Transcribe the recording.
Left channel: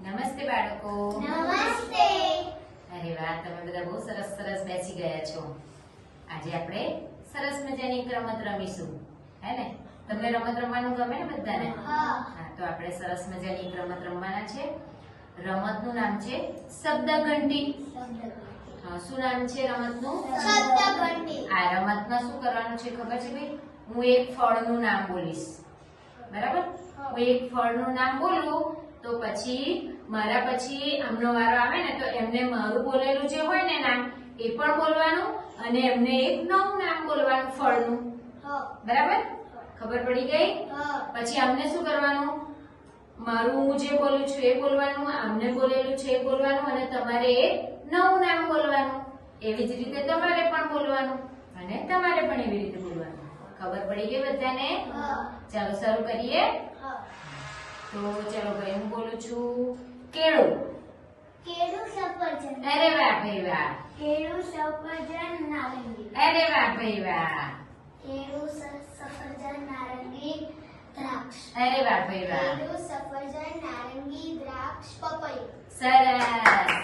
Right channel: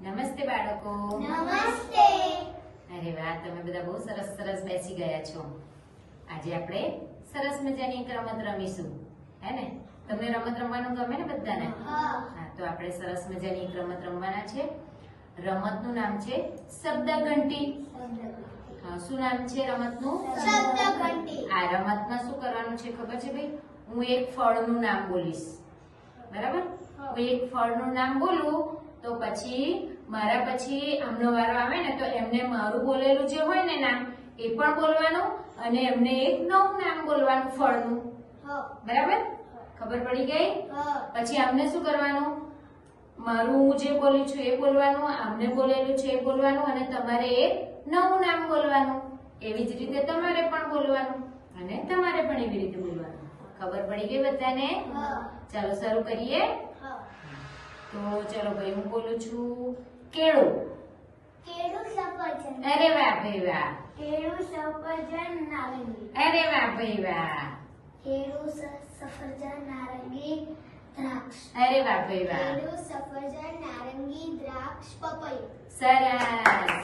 નમસ્તે બાળકો. નમસ્તે. અરે વાહ તમે બધા બહુ સરસ સરસ બેસી ગયા છો. આજે આપણે સરસ મજાની એક રમત રમીશું. હે ને? તમને રમત રમવાનું ગમે ને બધાને? હા. તો આપણે સરસ મજાની એક રમત રમવાના છે. રમતનું નામ છે શબ્દ ઘંટી હા, શું નામ છે રમતનું? શબ્દ ઘંટી આ રમતમાં શું કરવાનું છે ખબર છે ભાઈ? હું એક ફળનું નામ બોલીશ. બરાબર? હું એક ફળનું નામ બોલું તો પછી મારા પછી આમનો વારો આવે ને તો એમને મારું બોલેલું જે હોય ને નામ એ પણ બોલવાનું અને એમને એક નવું નામ બોલવાનું ફળનું. બરાબર? ખબર પડી ગઈ? પછી આમને શું કરવાનું? મારું હું જે બોલું છું એ બોલવાનું આમને બોલેલું છે એ બોલવાનું અને તમારે એક નવું નામ બોલવાનું. એવી જ રીતે તમારે પણ બોલવાનું અને તમારે પણ એવી રીતે બોલવાનું. ખબર પડી ગઈ બધાને? ચાલો શરૂ કરીએ. તો ચલો ભાઈ હું બોલું છું કેળું. કેળું સફરજન. અરે વાહ ભાઈ વાહ. કેળું સફરજન નારંગી. અરે વાહ ભાઈ વાહ. કેળું સફરજન નારંગી દ્રાક્ષ. અરે વાહ ભાઈ વાહ. કેળું સફરજન નારંગી દ્રાક્ષ પપૈયું. સરસ.